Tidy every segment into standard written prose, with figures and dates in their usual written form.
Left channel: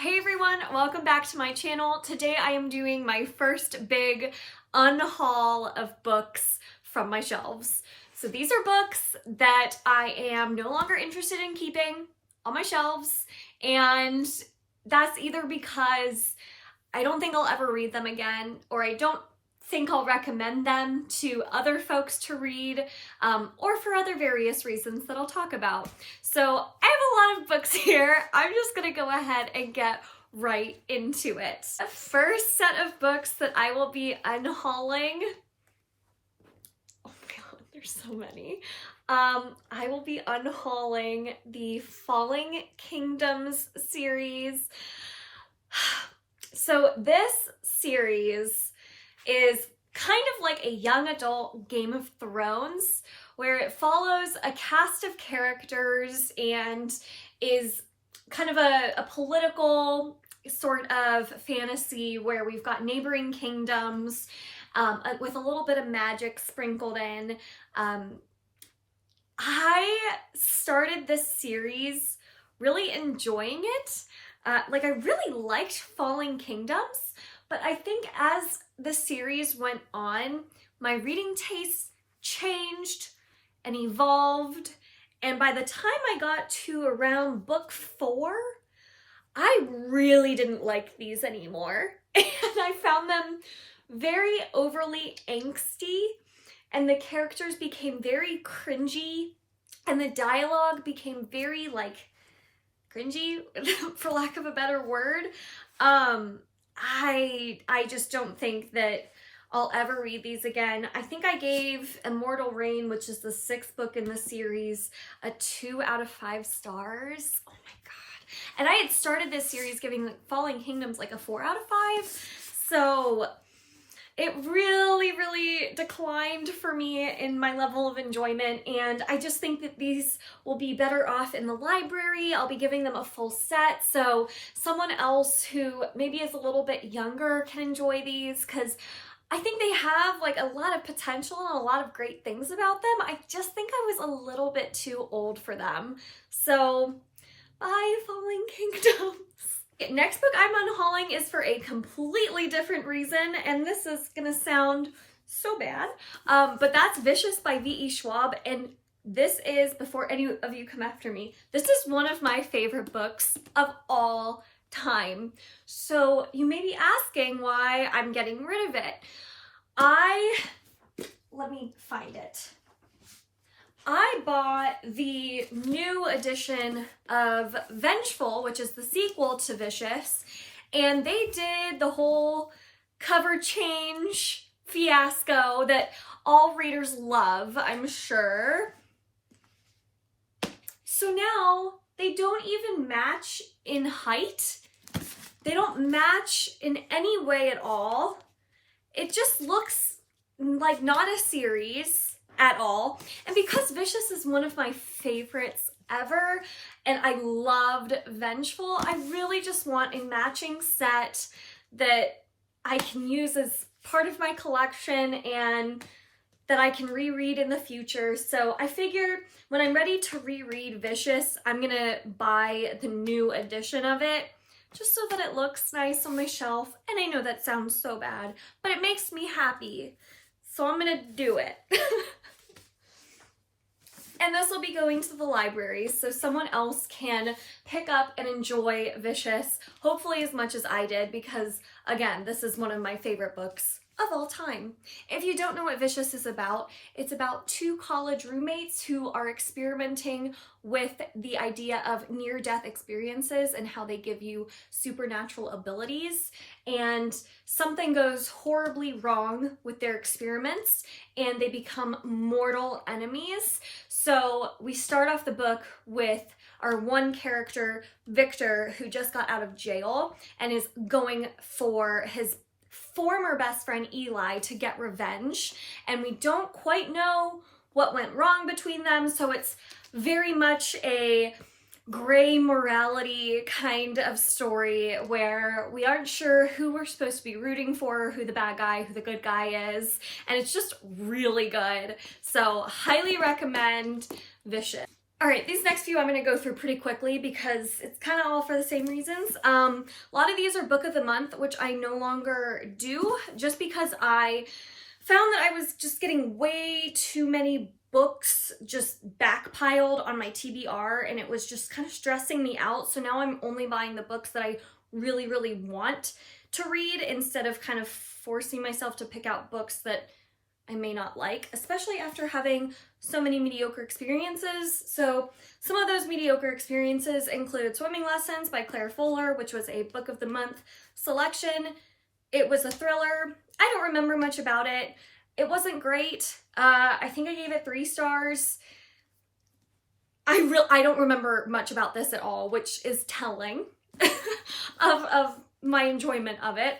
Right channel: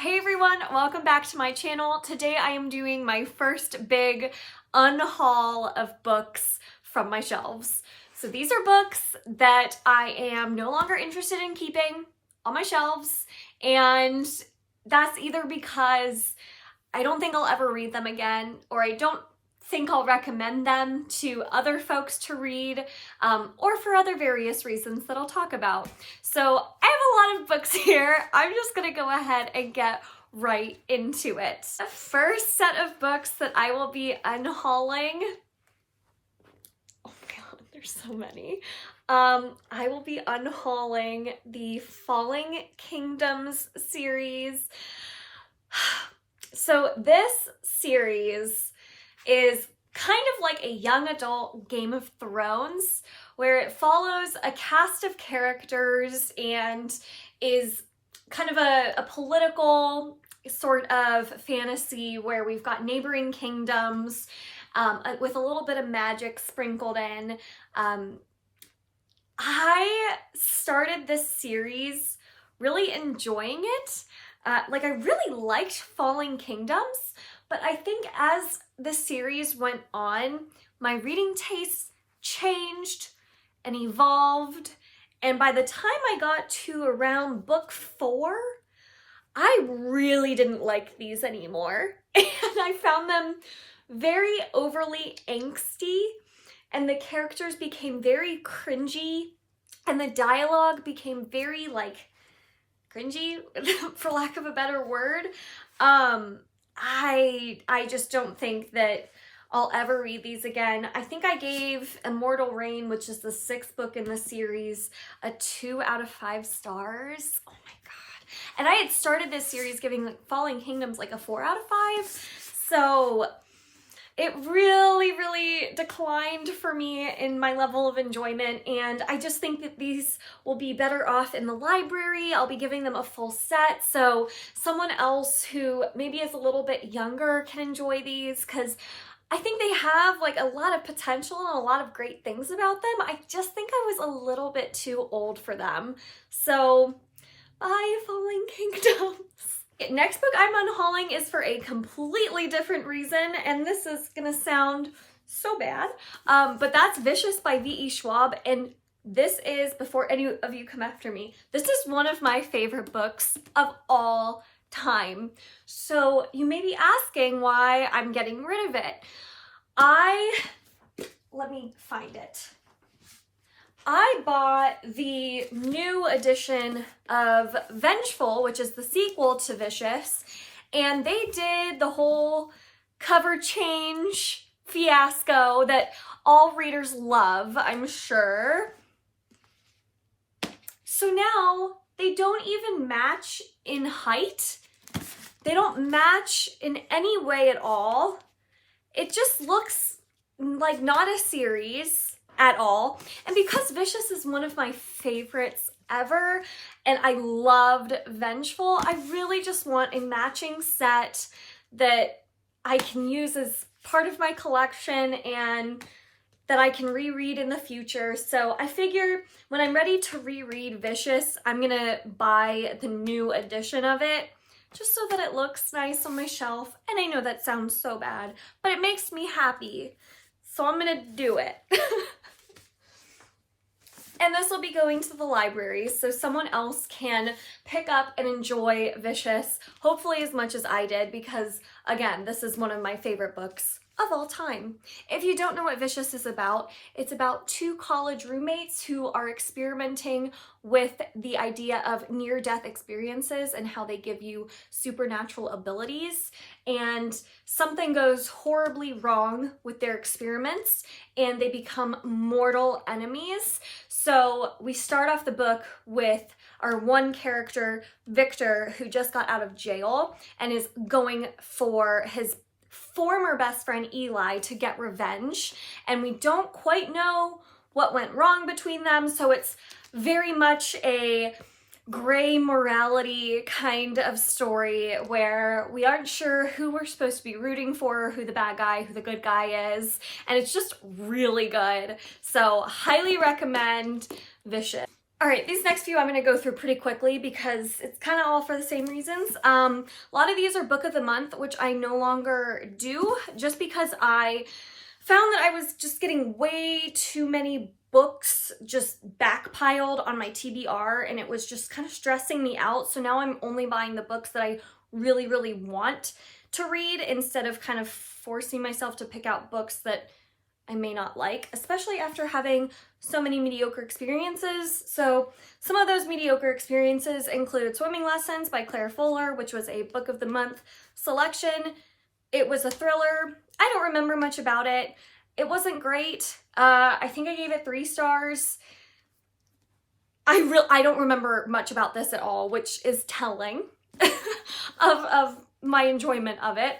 Hey everyone, welcome back to my channel. Today I am doing my first big unhaul of books from my shelves. So these are books that I am no longer interested in keeping on my shelves, and that's either because I don't think I'll ever read them again, or I don't think I'll recommend them to other folks to read, or for other various reasons that I'll talk about. So I have a lot of books here. I'm just gonna go ahead and get right into it. The first set of books that I will be unhauling, oh my god, there's so many. I will be unhauling the Falling Kingdoms series. So this series is kind of like a young adult Game of Thrones, where it follows a cast of characters and is kind of a political sort of fantasy where we've got neighboring kingdoms with a little bit of magic sprinkled in. I started this series really enjoying it. I really liked Falling Kingdoms, but I think as the series went on, my reading tastes changed and evolved, and by the time I got to around book 4, I really didn't like these anymore, and I found them very overly angsty, and the characters became very cringy, and the dialogue became very, cringy, for lack of a better word. I just don't think that I'll ever read these again. I think I gave Immortal Reign, which is the 6th book in the series, a 2 out of 5 stars. Oh my god. And I had started this series giving Falling Kingdoms like a 4 out of 5. So it really declined for me in my level of enjoyment, and I just think that these will be better off in the library. I'll be giving them a full set, so someone else who maybe is a little bit younger can enjoy these, because I think they have a lot of potential and a lot of great things about them. I just think I was a little bit too old for them. So bye, Falling Kingdoms. Next book I'm unhauling is for a completely different reason, and this is gonna sound so bad, but that's Vicious by V.E. Schwab, and this is, before any of you come after me, this is one of my favorite books of all time. So you may be asking why I'm getting rid of it. Let me find it. I bought the new edition of Vengeful, which is the sequel to Vicious, and they did the whole cover change fiasco that all readers love, I'm sure. So now they don't even match in height. They don't match in any way at all. It just looks like not a series at all. And because Vicious is one of my favorites ever, and I loved Vengeful, I really just want a matching set that I can use as part of my collection and that I can reread in the future. So I figure when I'm ready to reread Vicious, I'm gonna buy the new edition of it, just so that it looks nice on my shelf. And I know that sounds so bad, but it makes me happy, so I'm gonna do it. And this will be going to the library, so someone else can pick up and enjoy Vicious, hopefully as much as I did, because again, this is one of my favorite books of all time. If you don't know what Vicious is about, it's about 2 college roommates who are experimenting with the idea of near-death experiences and how they give you supernatural abilities, and something goes horribly wrong with their experiments and they become mortal enemies. So we start off the book with our one character, Victor, who just got out of jail and is going for his former best friend Eli to get revenge, and we don't quite know what went wrong between them, so it's very much a gray morality kind of story where we aren't sure who we're supposed to be rooting for, who the bad guy, who the good guy is, and it's just really good. So highly recommend Vicious. All right, these next few I'm going to go through pretty quickly because it's kind of all for the same reasons. A lot of these are book of the month, which I no longer do just because I found that I was just getting way too many books just backpiled on my TBR, and it was just kind of stressing me out. So now I'm only buying the books that I really, really want to read instead of kind of forcing myself to pick out books that I may not like, especially after having so many mediocre experiences. So some of those mediocre experiences include Swimming Lessons by Claire Fuller, which was a book of the month selection. It was a thriller. I don't remember much about it. It wasn't great. I think I gave it 3 stars. I don't remember much about this at all, which is telling of my enjoyment of it.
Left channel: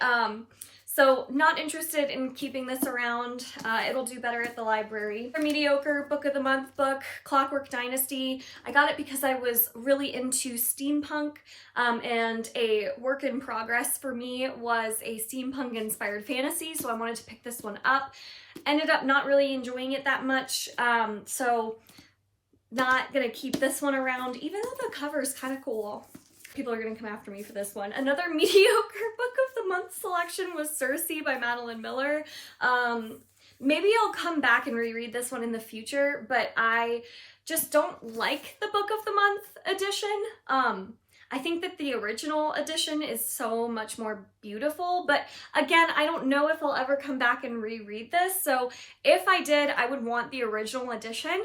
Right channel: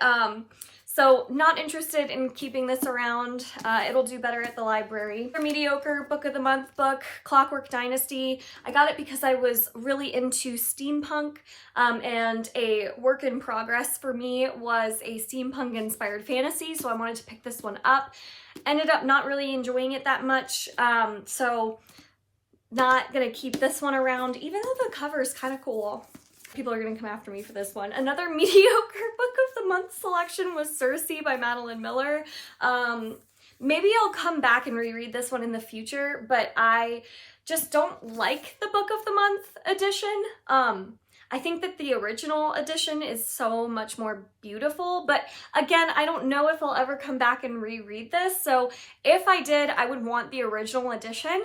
So not interested in keeping this around. It'll do better at the library. A mediocre book of the month book, Clockwork Dynasty. I got it because I was really into steampunk, and a work in progress for me was a steampunk inspired fantasy, so I wanted to pick this one up. Ended up not really enjoying it that much, so not gonna keep this one around, even though the cover is kind of cool. People are gonna come after me for this one. Another mediocre book of the month selection was Circe by Madeline Miller. Maybe I'll come back and reread this one in the future, but I just don't like the book of the month edition. I think that the original edition is so much more beautiful, but again, I don't know if I'll ever come back and reread this. So if I did, I would want the original edition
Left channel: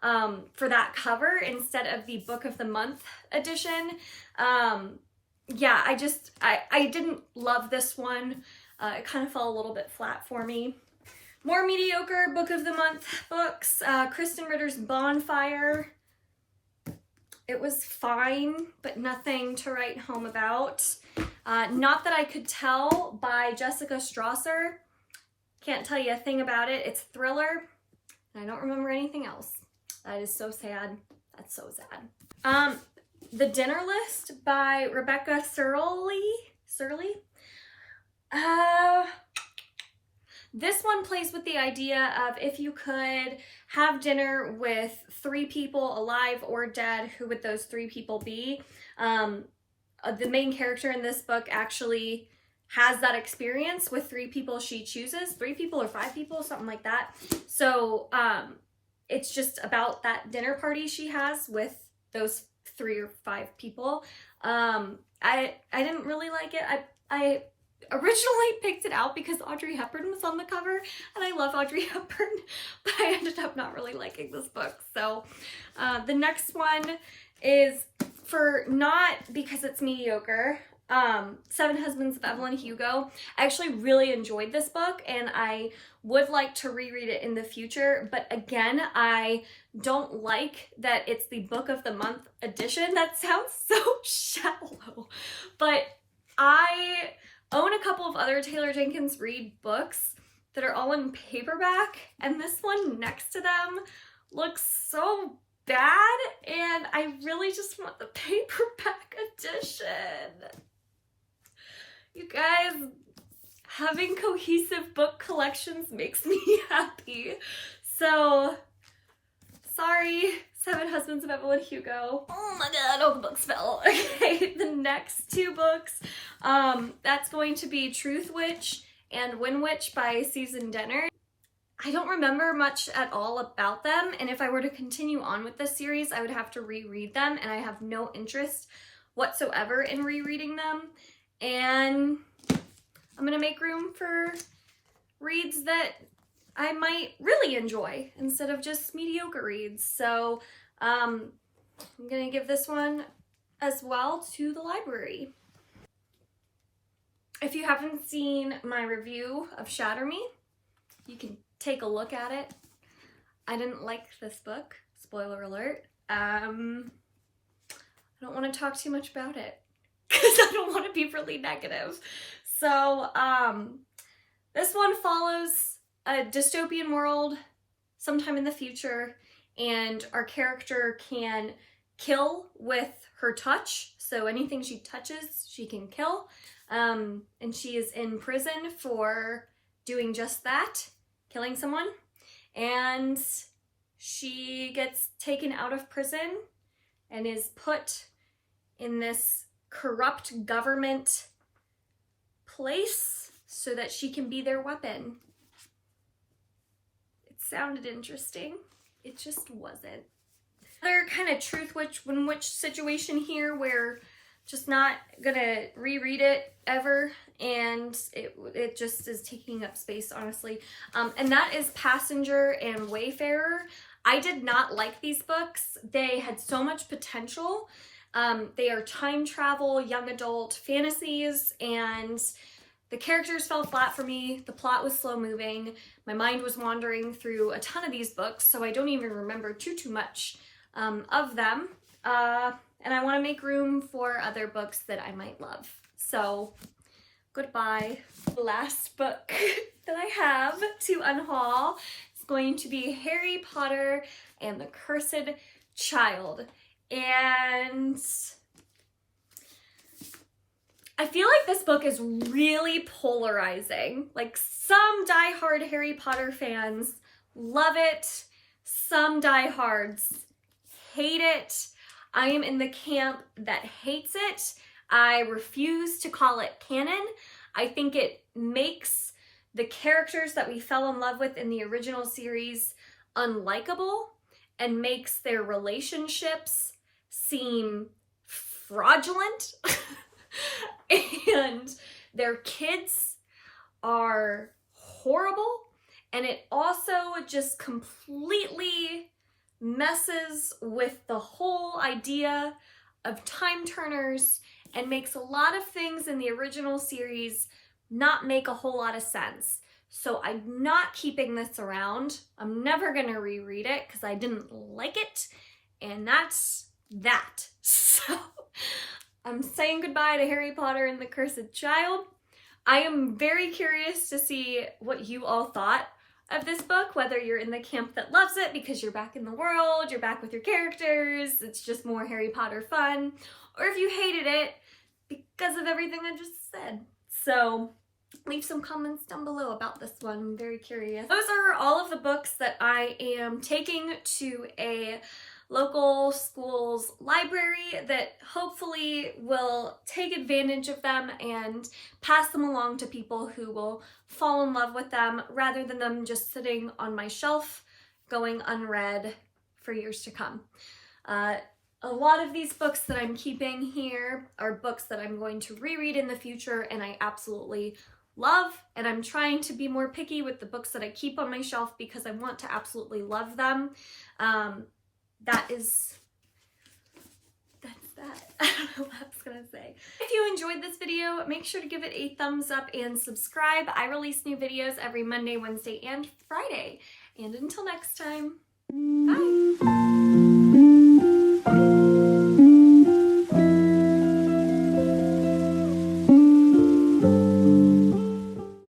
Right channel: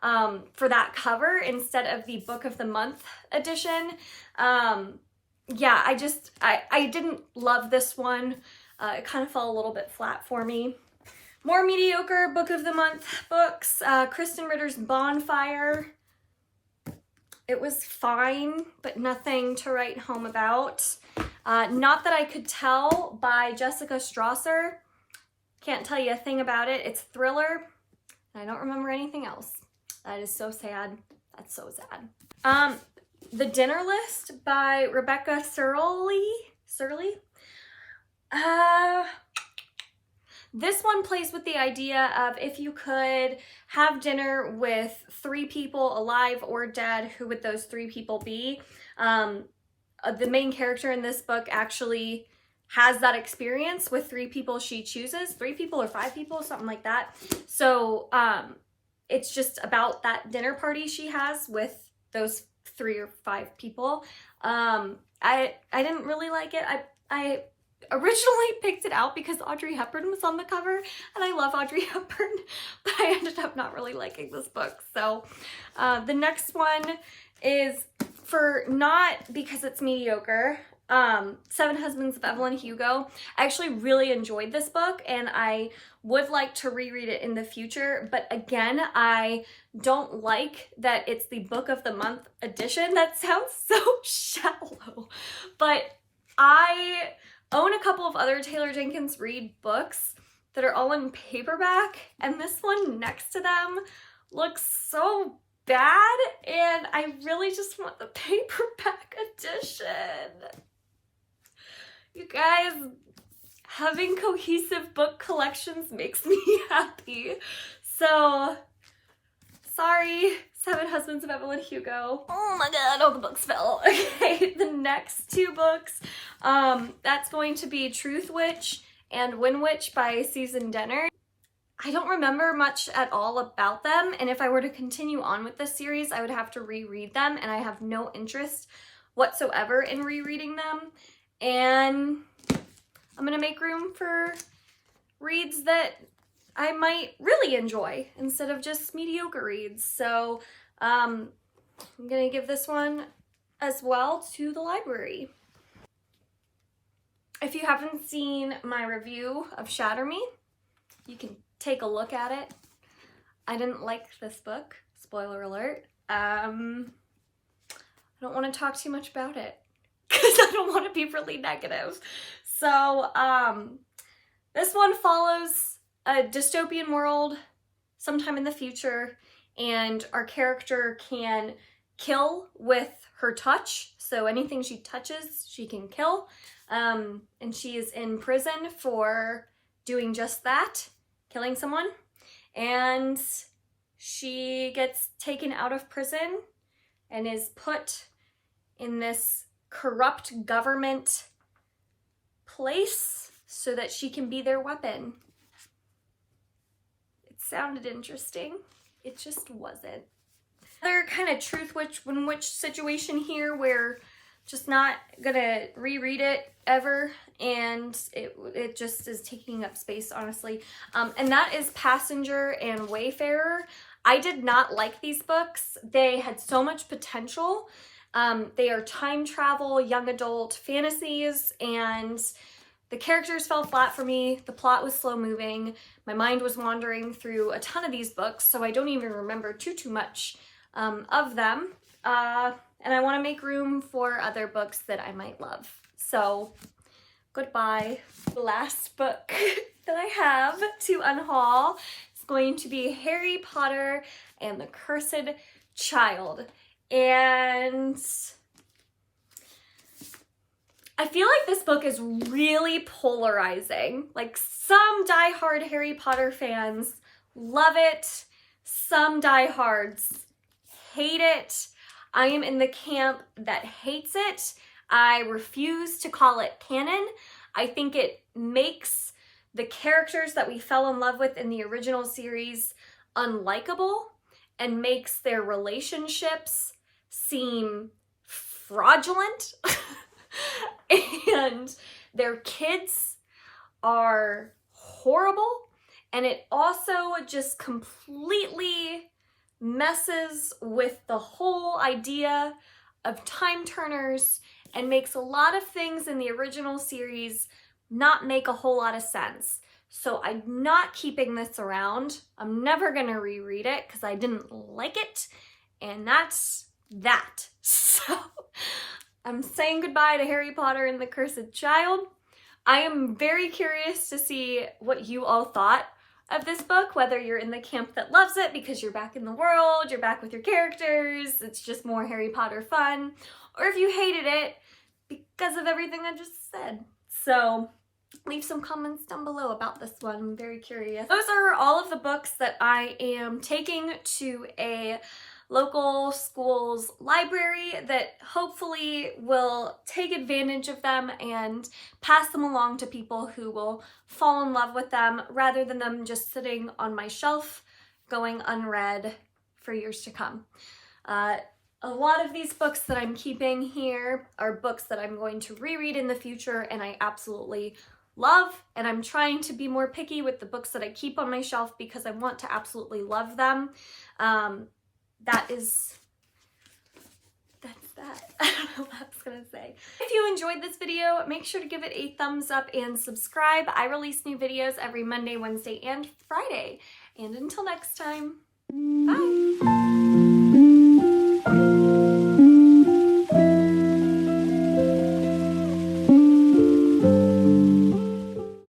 for that cover instead of the book of the month edition. Yeah, I didn't love this one. It kind of fell a little bit flat for me. More mediocre book of the month books, Kristen Ritter's Bonfire. It was fine, but nothing to write home about. Not That I Could Tell by Jessica Strasser. Can't tell you a thing about it. It's a thriller. I don't remember anything else. That is so sad. That's so sad. The Dinner List by Rebecca Surley. This one plays with the idea of if you could have dinner with 3 people, alive or dead, who would those 3 people be? The main character in this book actually has that experience with 3 people she chooses. 3 people or 5 people, something like that. So it's just about that dinner party she has with those 3 or 5 people. I didn't really like it. I originally picked it out because Audrey Hepburn was on the cover, and I love Audrey Hepburn, but I ended up not really liking this book. So the next one is, for not because it's mediocre, 7 Husbands of Evelyn Hugo. I actually really enjoyed this book, and I would like to reread it in the future, but again, I don't like that it's the book of the month edition. That sounds so shallow, but I own a couple of other Taylor Jenkins Reid books that are all in paperback, and this one next to them looks so bad, and I really just want the paperback edition. You guys, having cohesive book collections makes me happy. So, sorry, 7 Husbands of Evelyn Hugo. Oh my god, all the books fell. Okay, the next 2 books, that's going to be Truth Witch and Win Witch by Susan Denner. I don't remember much at all about them, and if I were to continue on with this series, I would have to reread them, and I have no interest whatsoever in rereading them. And I'm gonna make room for reads that I might really enjoy instead of just mediocre reads. So I'm gonna give this one as well to the library. If you haven't seen my review of Shatter Me, you can take a look at it. I didn't like this book, spoiler alert. I don't want to talk too much about it because I don't want to be really negative. So this one follows a dystopian world sometime in the future, and our character can kill with her touch. So anything she touches, she can kill. And she is in prison for doing just that, killing someone. And She gets taken out of prison and is put in this corrupt government place so that she can be their weapon. It sounded interesting. It just wasn't. Another kind of truth in which situation here where just not gonna reread it ever, and it just is taking up space, honestly. And that is Passenger and Wayfarer. I did not like these books. They had so much potential. They are time travel, young adult fantasies, and the characters fell flat for me. The plot was slow moving. My mind was wandering through a ton of these books, so I don't even remember too much of them. And I want to make room for other books that I might love. So, goodbye. The last book that I have to unhaul is going to be Harry Potter and the Cursed Child. And I feel like this book is really polarizing. Like, some diehard Harry Potter fans love it. Some diehards hate it. I am in the camp that hates it. I refuse to call it canon. I think it makes the characters that we fell in love with in the original series unlikable and makes their relationships seem fraudulent. And their kids are horrible. And it also just completely messes with the whole idea of time turners and makes a lot of things in the original series not make a whole lot of sense. So I'm not keeping this around. I'm never gonna reread it because I didn't like it, and that's that. So I'm saying goodbye to Harry Potter and the Cursed Child. I am very curious to see what you all thought of this book, whether you're in the camp that loves it because you're back in the world, you're back with your characters, it's just more Harry Potter fun, or if you hated it because of everything I just said. So leave some comments down below about this one. I'm very curious. Those are all of the books that I am taking to a local school's library that hopefully will take advantage of them and pass them along to people who will fall in love with them rather than them just sitting on my shelf going unread for years to come. A lot of these books that I'm keeping here are books that I'm going to reread in the future and I absolutely love, and I'm trying to be more picky with the books that I keep on my shelf because I want to absolutely love them. That's that. I don't know what I was gonna say. If you enjoyed this video, make sure to give it a thumbs up and subscribe. I release new videos every Monday, Wednesday, and Friday. And until next time, bye.